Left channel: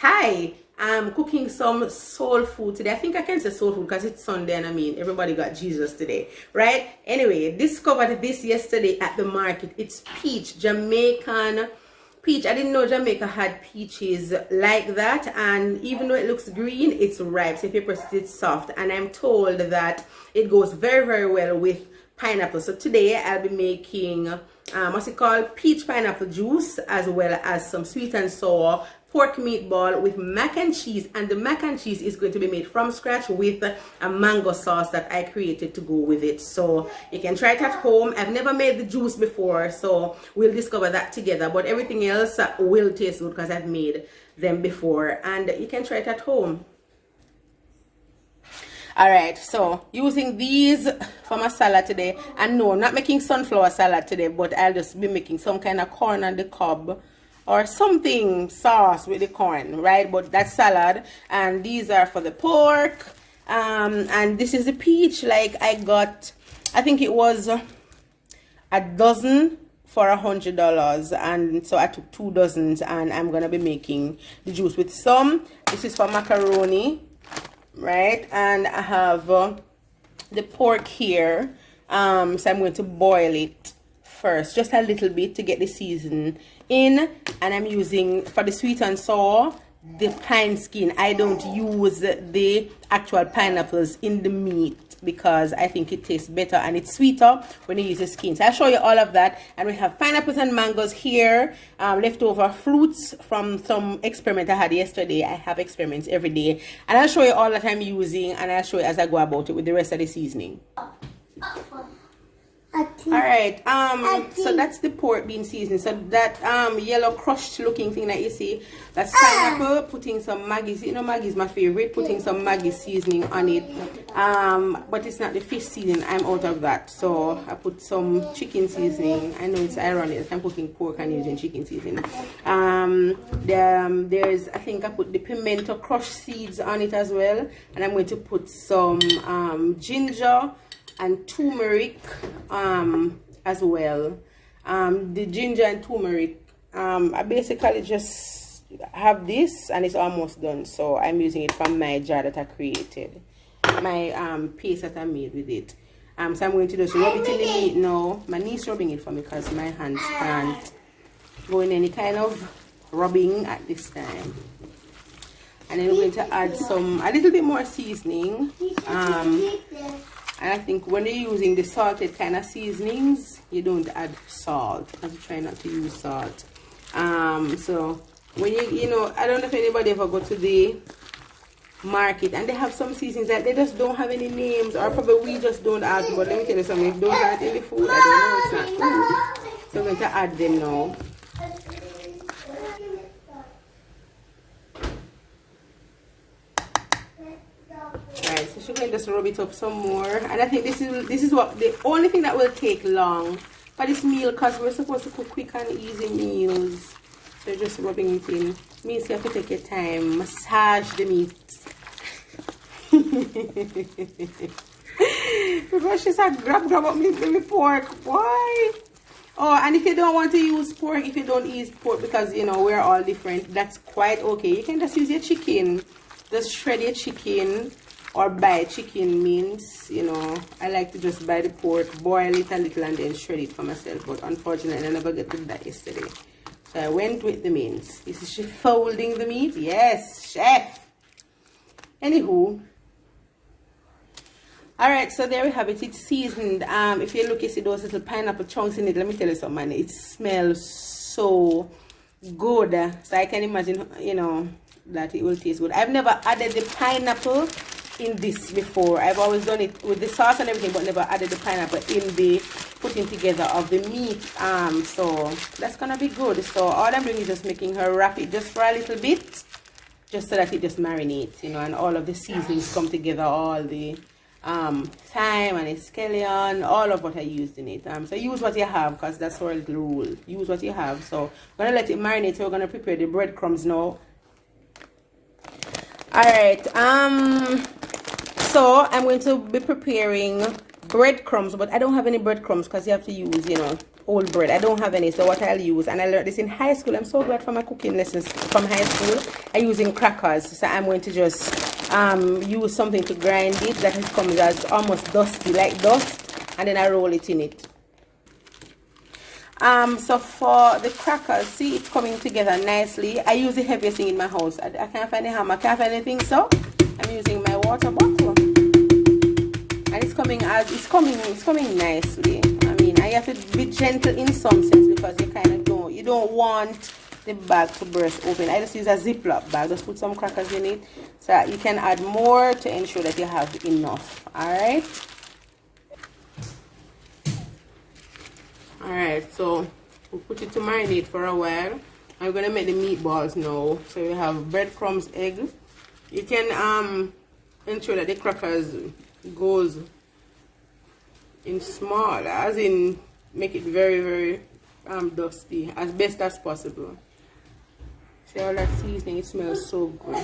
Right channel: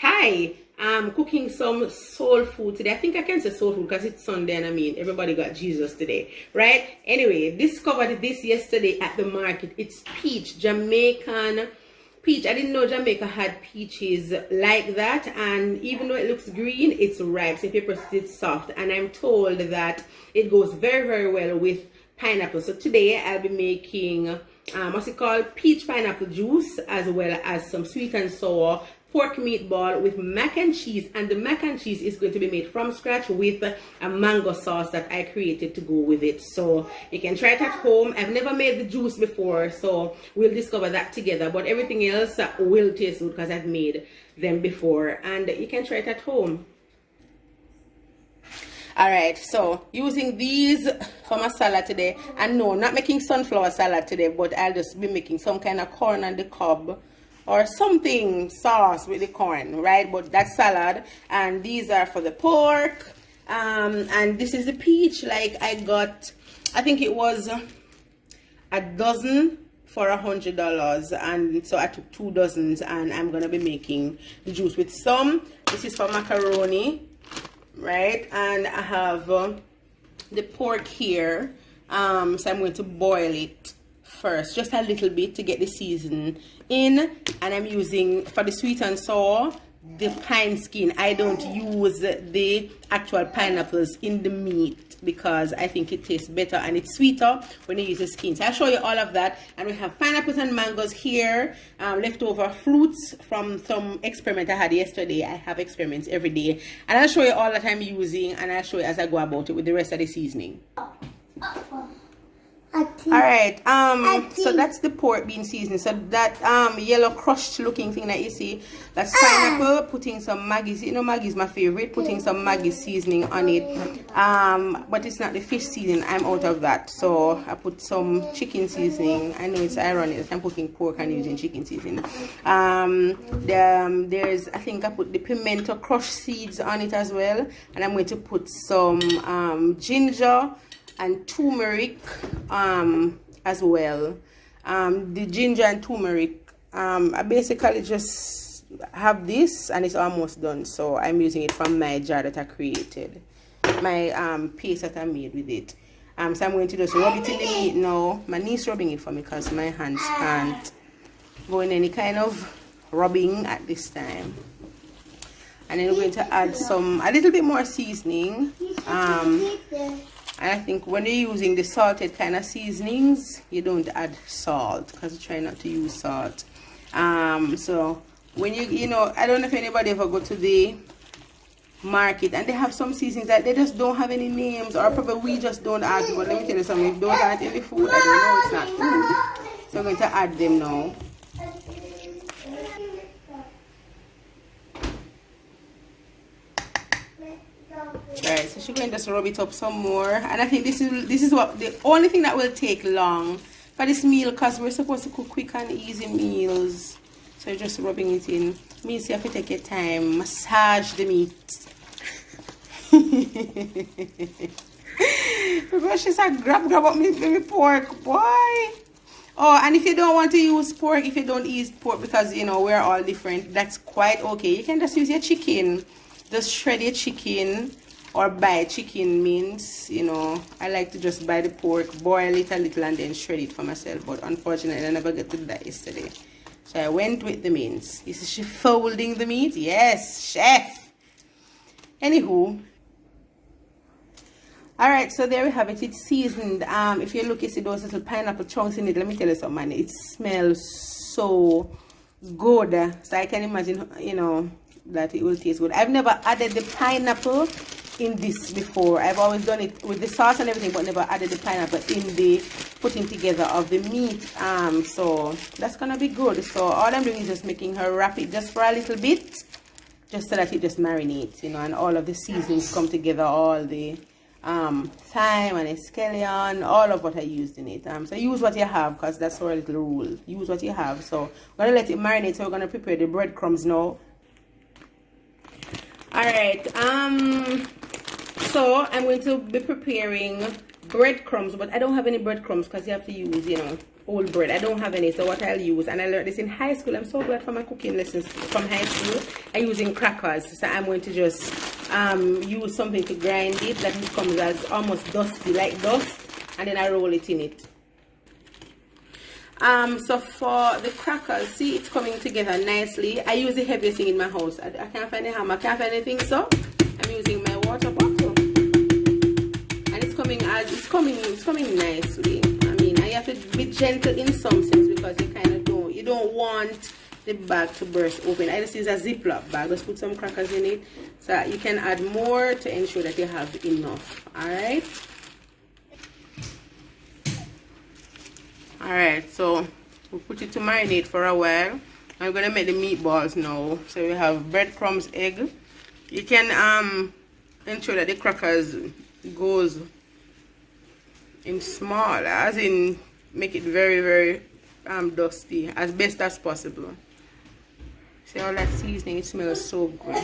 Hi, I'm cooking some soul food today. I think I can say soul food because it's Sunday and I mean everybody got Jesus today, right? Anyway, discovered this yesterday at the market. It's peach, Jamaican peach. I didn't know Jamaica had peaches like that, and even though it looks green, it's ripe. So if you press it, it's soft. And I'm told that it goes very, very well with pineapple. So today I'll be making what's it called, peach pineapple juice, as well as some sweet and sour pork meatball with mac and cheese. And the mac and cheese is going to be made from scratch with a mango sauce that I created to go with it. So you can try it at home. I've never made the juice before, so we'll discover that together. But everything else will taste good because I've made them before, and you can try it at home. All right, so using these for my salad today. And no, I'm not making sunflower salad today, but I'll just be making some kind of corn on the cob or something sauce with the corn, right? But that's salad. And these are for the pork. And this is the peach. Like I got, I think it was a dozen for $100, and so I took 2 dozens, and I'm gonna be making the juice with some. This is for macaroni, right? And I have the pork here, so I'm going to boil it first, just a little bit to get the season in. And I'm using, for the sweet and sour, the pine skin. I don't use the actual pineapples in the meat because I think it tastes better and it's sweeter when you use the skin. So I'll show you all of that. And we have pineapples and mangoes here, leftover fruits from some experiment I had yesterday. I have experiments every day, and I'll show you all that I'm using, and I'll show you as I go about it with the rest of the seasoning. All right, so that's the pork bean seasoning. So that yellow crushed looking thing that you see, that's pineapple. Putting some Maggie's, you know Maggie's my favorite, putting some Maggie's seasoning on it, but it's not the fish seasoning. I'm out of that, so I put some chicken seasoning. I know it's ironic, I'm cooking pork and using chicken seasoning. There's, I think I put the pimento crushed seeds on it as well, and I'm going to put some ginger and turmeric as well. The ginger and turmeric, I basically just have this and it's almost done, so I'm using it from my jar that I created, my paste that I made with it. So I'm going to just rub it in the meat now. My niece rubbing it for me because my hands can't go in any kind of rubbing at this time. And then we're going to add a little bit more seasoning. And I think when you're using the salted kind of seasonings, you don't add salt because you try not to use salt. So when you know, I don't know if anybody ever go to the market and they have some seasonings that they just don't have any names, or probably we just don't add. But let me tell you something, if those aren't in the food, I don't know, it's not food. So I'm going to add them now. Alright, so she's going to just rub it up some more. And I think this is what the only thing that will take long for this meal, because we're supposed to cook quick and easy meals. So you're just rubbing it in. Means you have to take your time, massage the meat. Because she said grab up meat baby pork, boy. Oh, and if you don't want to use pork, if you don't eat pork, because you know we're all different, that's quite okay. You can just use your chicken. Just shred your chicken or buy chicken mince. You know, I like to just buy the pork, boil it a little, and then shred it for myself. But unfortunately, I never got to do that yesterday. So I went with the mince. Is she folding the meat? Yes, chef. Anywho. Alright, so there we have it. It's seasoned. If you look, you see those little pineapple chunks in it. Let me tell you something, man. It smells so good. So I can imagine, you know, that it will taste good. I've never added the pineapple in this before. I've always done it with the sauce and everything, but never added the pineapple in the putting together of the meat. So that's gonna be good. So all I'm doing is just making her wrap it just for a little bit, just so that it just marinates, you know, and all of the seasonings come together, all the thyme and scallion, all of what I used in it. So use what you have, because that's our little rule. Use what you have. So we're gonna let it marinate. So we're gonna prepare the breadcrumbs now. Alright, so I'm going to be preparing breadcrumbs, but I don't have any breadcrumbs because you have to use, you know, old bread. I don't have any, so what I'll use, and I learned this in high school. I'm so glad for my cooking lessons from high school. I'm using crackers, so I'm going to just use something to grind it that comes as almost dusty, like dust, and then I roll it in it. So for the crackers, see, it's coming together nicely. I use the heaviest thing in my house. I can't find a hammer, I can't find anything, so I'm using my water bottle. And it's coming nicely. I mean, I have to be gentle in some sense because you don't want the bag to burst open. I just use a Ziploc bag. Just put some crackers in it so you can add more to ensure that you have enough. Alright. Alright, so we'll put it to marinate for a while. I'm gonna make the meatballs now. So we have breadcrumbs, egg. You can ensure that the crackers goes in small, as in make it very, very dusty as best as possible. See all that seasoning, it smells so good.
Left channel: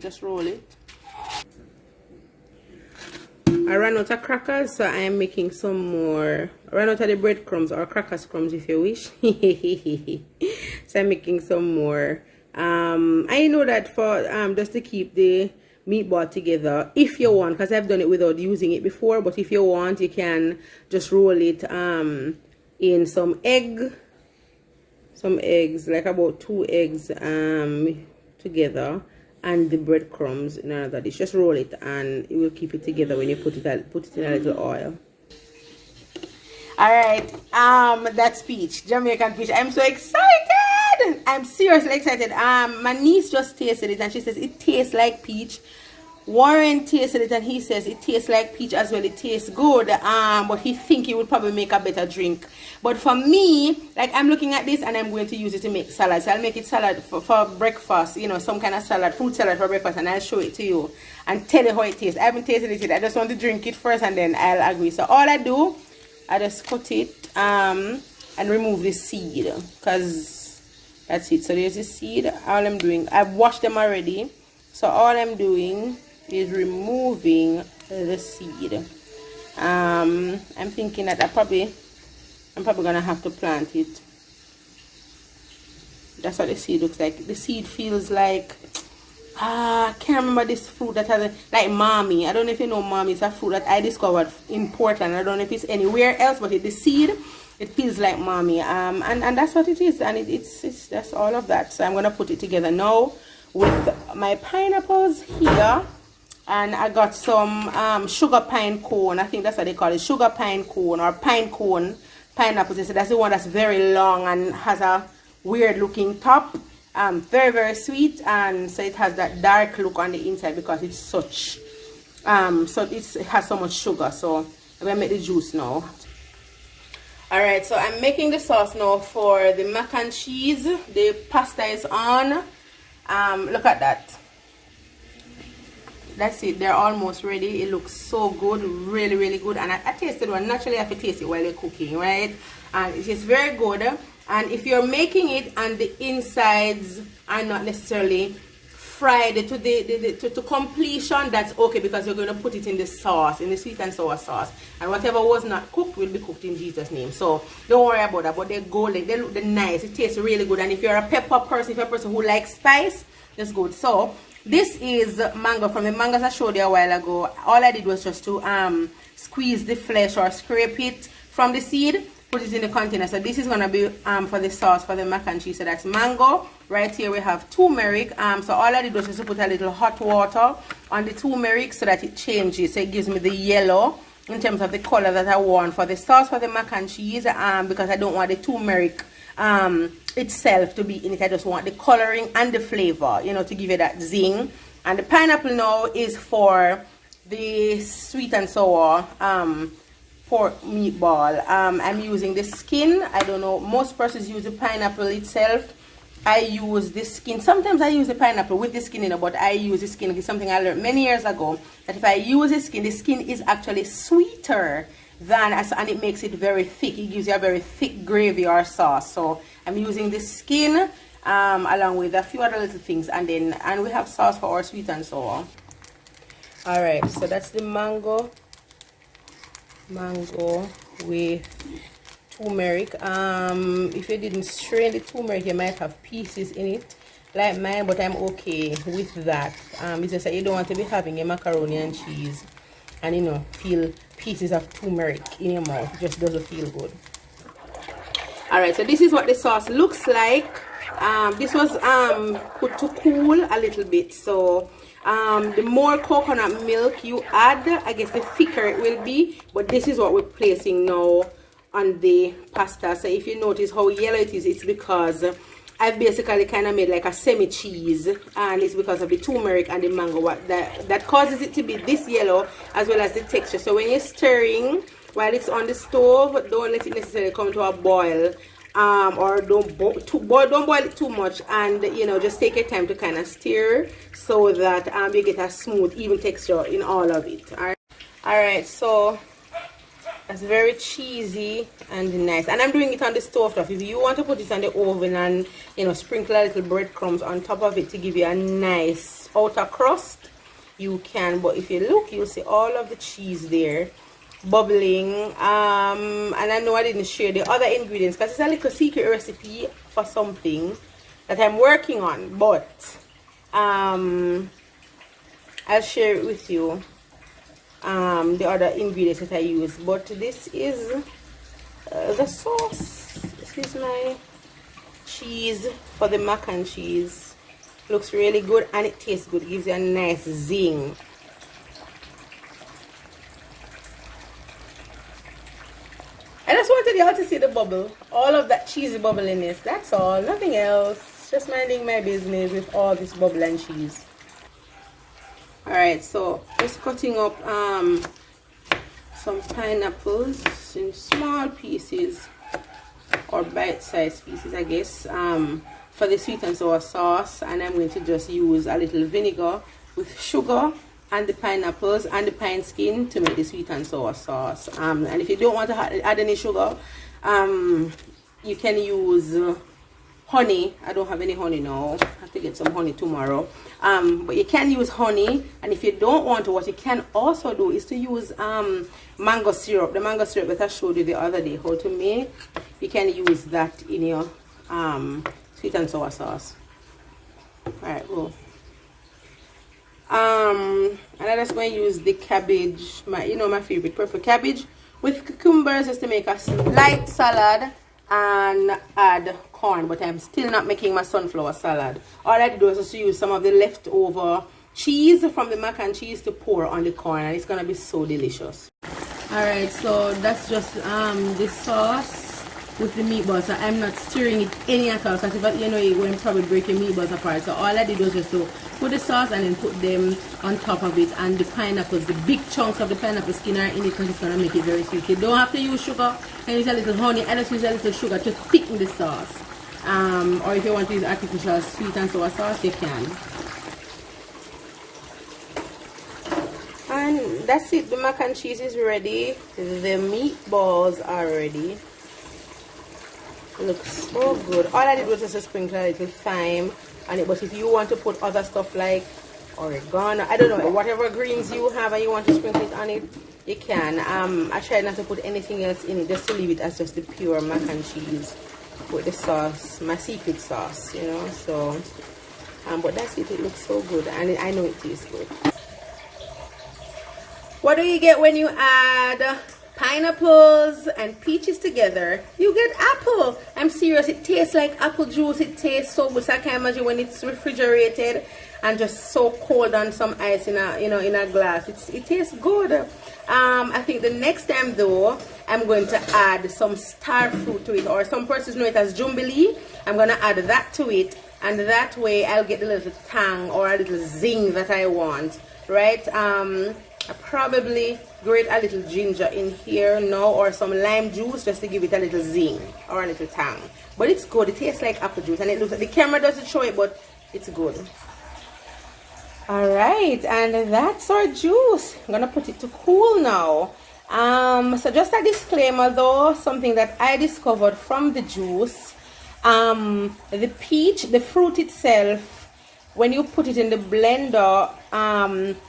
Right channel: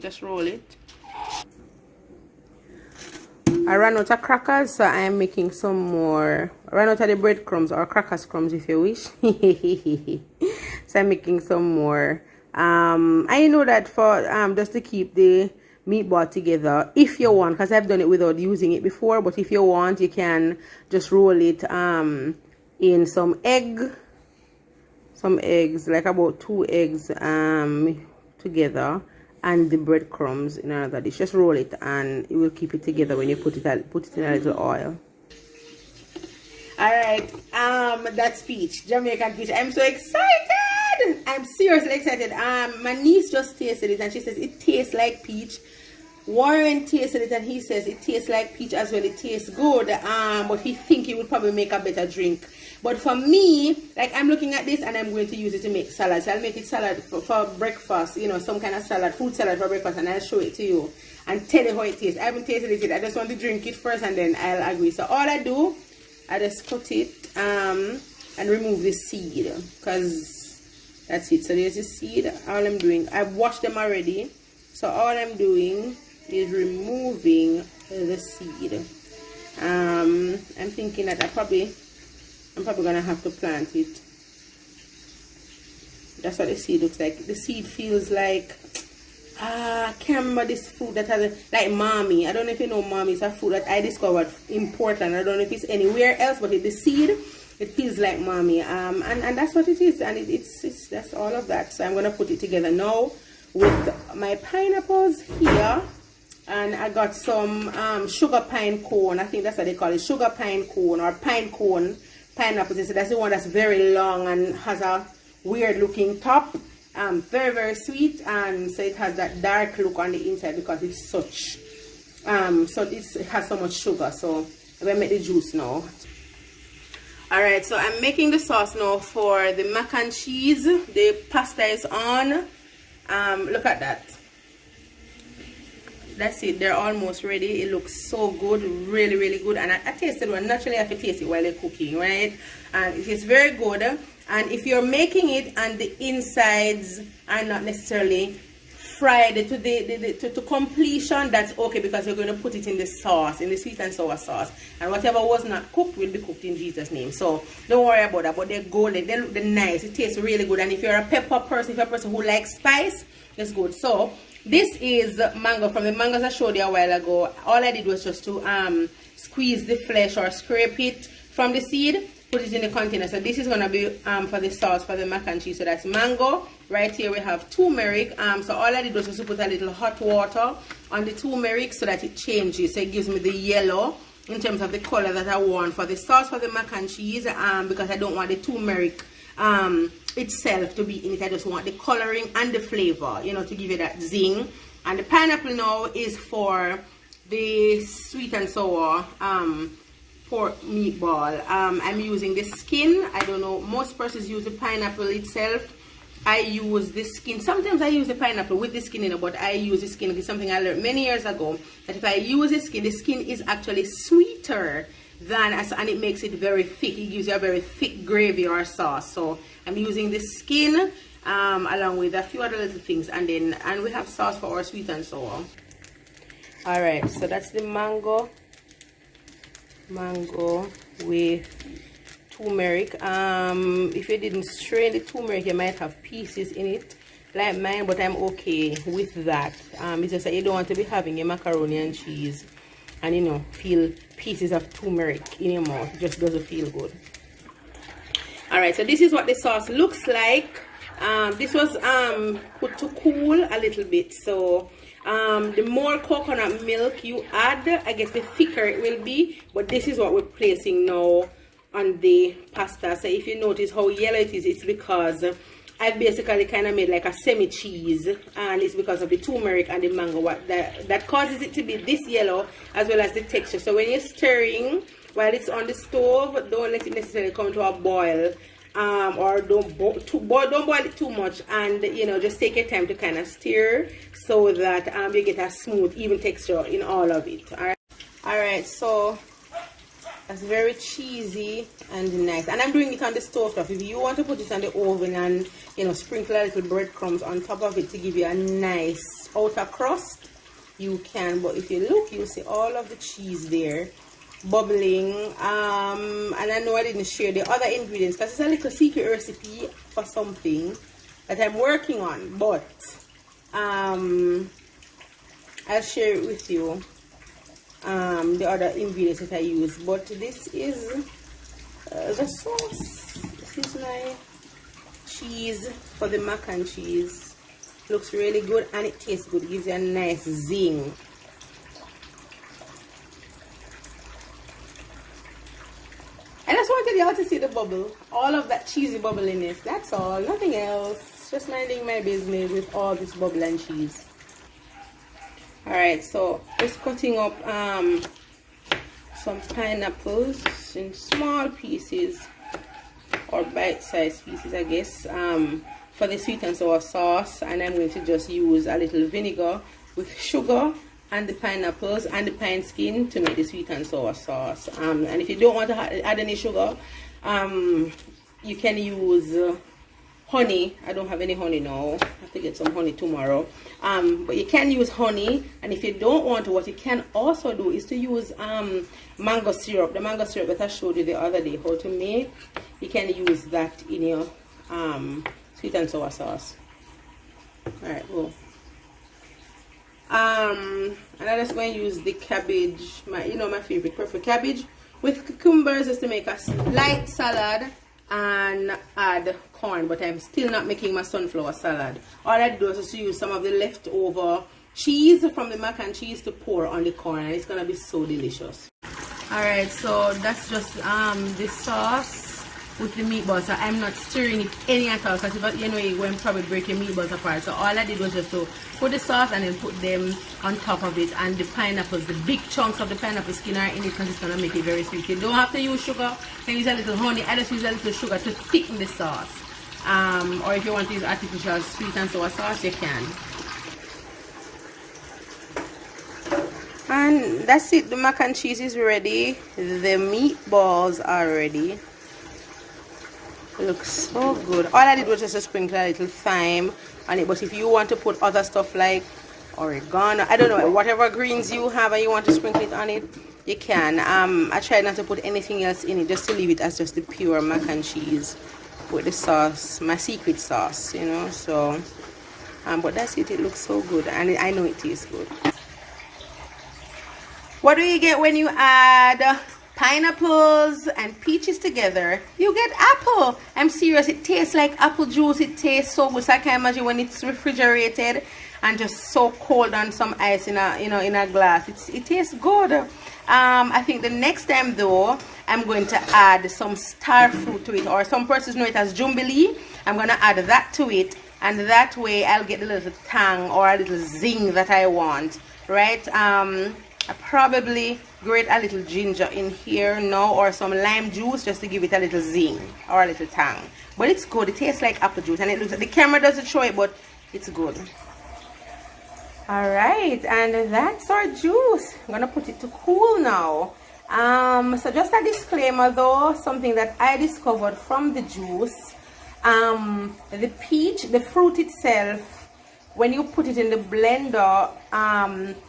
Just roll it. I ran out of crackers, so I am making some more. I ran out of the breadcrumbs, or crackers crumbs if you wish. So I'm making some more. I know that for just to keep the meatball together, if you want, because I've done it without using it before, but if you want, you can just roll it in some eggs, like about 2 eggs together, and the breadcrumbs in another dish. Just roll it and it will keep it together when you put it in a little oil. Alright, that's peach, Jamaican peach. I'm so excited. I'm seriously excited. My niece just tasted it and she says it tastes like peach. Warren tasted it and he says it tastes like peach as well. It tastes good, but he think he would probably make a better drink. But for me, like, I'm looking at this and I'm going to use it to make salad. So I'll make it salad for breakfast, you know, some kind of salad, fruit salad for breakfast, and I'll show it to you and tell you how it tastes. I haven't tasted it yet. I just want to drink it first and then I'll agree. So all I do, I just cut it and remove the seed, because that's it. So there's the seed. All I'm doing, I've washed them already. So all I'm doing is removing the seed. I'm thinking that I'm probably gonna have to plant it. That's what the seed looks like. The seed feels like, I can't remember this fruit that has like mommy. I don't know if you know mommy. It's a fruit that I discovered in Portland. I don't know if it's anywhere else, but the seed, it feels like mommy. And that's what it is. And it's that's all of that. So I'm gonna put it together now with my pineapples here. And I got some sugar pine cone. I think that's what they call it, sugar pine cone or pine cone pineapples. So that's the one that's very long and has a weird looking top. Very, very sweet, and so it has that dark look on the inside because it's such it has so much sugar. So I'm gonna make the juice now. Alright, so I'm making the sauce now for the mac and cheese. The pasta is on. Look at that. That's it, they're almost ready. It looks so good, really, really good. And I tasted one. Naturally I have to taste it while you're cooking, right? And it is very good. And if you're making it and the insides are not necessarily fried to completion, that's okay, because you're going to put it in the sauce, in the sweet and sour sauce. And whatever was not cooked will be cooked in Jesus' name. So don't worry about that. But they're golden, they look nice, it tastes really good. And if you're a pepper person, if you're a person who likes spice, that's good. So this is mango from the mangoes I showed you a while ago. All I did was just to squeeze the flesh or scrape it from the seed, put it in the container. So this is going to be for the sauce for the mac and cheese. So that's mango. Right here we have turmeric. So all I did was just to put a little hot water on the turmeric so that it changes. So it gives me the yellow in terms of the color that I want for the sauce for the mac and cheese, because I don't want the turmeric itself to be in it. I just want the coloring and the flavor, you know, to give it that zing. And the pineapple now is for the sweet and sour pork meatball. I'm using the skin. I don't know, most persons use the pineapple itself. I use the skin. Sometimes I use the pineapple with the skin in it, but I use the skin. It's something I learned many years ago, that if I use the skin is actually sweeter than, and it makes it very thick. It gives you a very thick gravy or sauce. So I'm using the skin. along with a few other little things, and we have sauce for our sweet and sour. All right, so that's the mango with turmeric. If you didn't strain the turmeric, you might have pieces in it like mine, but I'm okay with that. It's just that you don't want to be having your macaroni and cheese and, you know, feel pieces of turmeric in your mouth. It just doesn't feel good. All right, so this is what the sauce looks like. This was put to cool a little bit, so the more coconut milk you add, I guess the thicker it will be. But this is what we're placing now on the pasta. So if you notice how yellow it is, it's because I've basically kind of made like a semi-cheese, and it's because of the turmeric and the mango that causes it to be this yellow, as well as the texture. So when you're stirring while it's on the stove, don't let it necessarily come to a boil, or don't boil it too much, and you know, just take your time to kind of stir so that you get a smooth, even texture in all of it. All right, so that's very cheesy and nice, and I'm doing it on the stove top. If you want to put it on the oven and, you know, sprinkle a little breadcrumbs on top of it to give you a nice outer crust, you can. But if you look, you'll see all of the cheese there bubbling. And I know I didn't share the other ingredients because it's a little secret recipe for something that I'm working on, but I'll share it with you, the other ingredients that I use. But this is the sauce. This is my cheese for the mac and cheese. Looks really good and it tastes good. It gives you a nice zing. I just wanted y'all to see the bubble, all of that cheesy bubbliness. That's all, nothing else. Just minding my business with all this bubble and cheese. All right, so just cutting up some pineapples in small pieces, or bite-sized pieces, I guess, for the sweet and sour sauce. And I'm going to just use a little vinegar with sugar and the pineapples and the pine skin to make the sweet and sour sauce. And if you don't want to add any sugar, you can use honey. I don't have any honey now. I have to get some honey tomorrow. But you can use honey, and if you don't want to, what you can also do is to use mango syrup. The mango syrup that I showed you the other day how to make. You can use that in your sweet and sour sauce. All right, cool. And I'm just going to use the cabbage, my favorite purple cabbage with cucumbers, just to make a light salad and add corn. But I'm still not making my sunflower salad. All I do is just use some of the leftover cheese from the mac and cheese to pour on the corn, and it's gonna be so delicious. All right, so that's just the sauce with the meatballs. So I'm not stirring it any at all, because if you know, you're going to probably break your meatballs apart. So all I did was just to put the sauce and then put them on top of it. And the pineapples, the big chunks of the pineapple skin are in it, because it's going to make it very sweet. You don't have to use sugar. You can use a little honey. I just use a little sugar to thicken the sauce. Or if you want to use artificial sweet and sour sauce, you can. And that's it. The mac and cheese is ready. The meatballs are ready. Looks so good. All I did was just to sprinkle a little thyme on it, but if you want to put other stuff like oregano, I don't know, whatever greens you have and you want to sprinkle it on it, you can. I tried not to put anything else in it, just to leave it as just the pure mac and cheese with the sauce, my secret sauce, you know. So but that's it. It looks so good, and I know it tastes good. What do you get when you add pineapples and peaches together? You get apple. I'm serious, it tastes like apple juice. It tastes so good. So I can imagine when it's refrigerated and just so cold on some ice in a glass. It tastes good. I think the next time though, I'm going to add some star fruit to it, or some persons know it as jumbili. I'm going to add that to it, and that way I'll get a little tang or a little zing that I want, right? I probably grate a little ginger in here now, or some lime juice, just to give it a little zing or a little tang. But it's good. It tastes like apple juice, and it looks like, the camera doesn't show it, but it's good. All right, and that's our juice. I'm gonna put it to cool now. So just a disclaimer though, something that I discovered from the juice. The peach, the fruit itself, when you put it in the blender,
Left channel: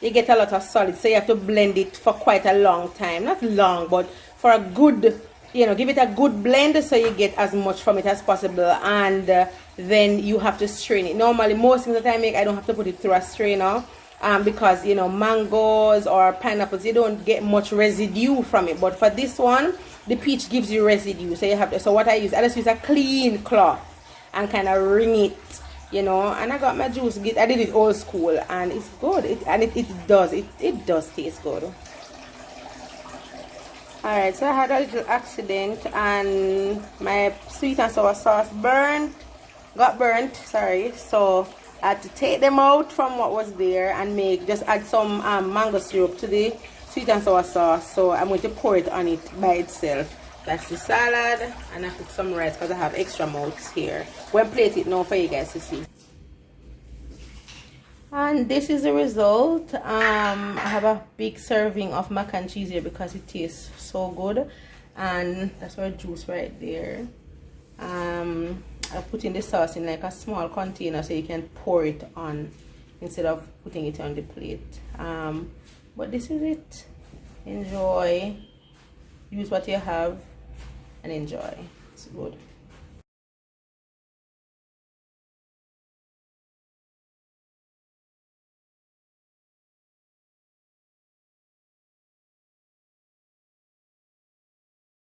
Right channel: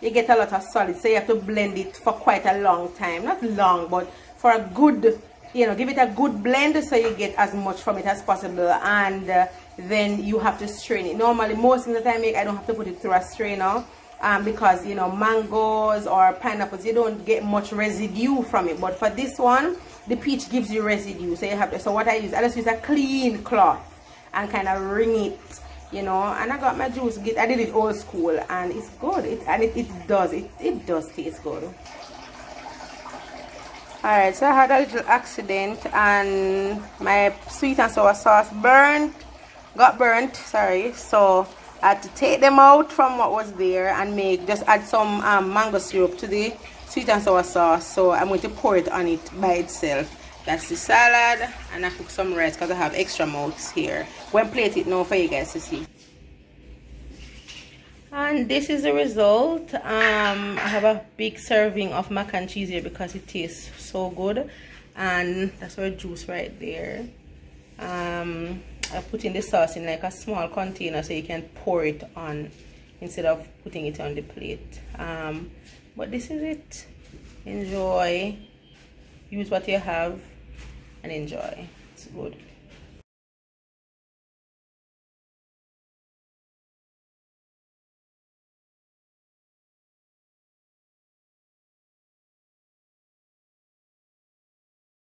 you get a lot of solid, so you have to blend it for quite a long time. Not long, but for a good, give it a good blend so you get as much from it as possible. And then you have to strain it. Normally, most of the time I don't have to put it through a strainer, because mangoes or pineapples, you don't get much residue from it. But for this one, the peach gives you residue, so you have to. So what I just use a clean cloth and kind of wring it, and I got my juice. I did it old school, and it's good. It does taste good. Alright, so I had a little accident and my sweet and sour sauce got burnt, sorry. So I had to take them out from what was there and just add some mango syrup to the sweet and sour sauce. So I'm going to pour it on it by itself. That's the salad, and I cook some rice because I have extra mouths here. Go and plate it now for you guys to see. And this is the result. I have a big serving of mac and cheese here because it tastes so good, and that's our juice right there. I put in the sauce in like a small container so you can pour it on instead of putting it on the plate. But this is it. Enjoy. Use what you have and enjoy. It's good.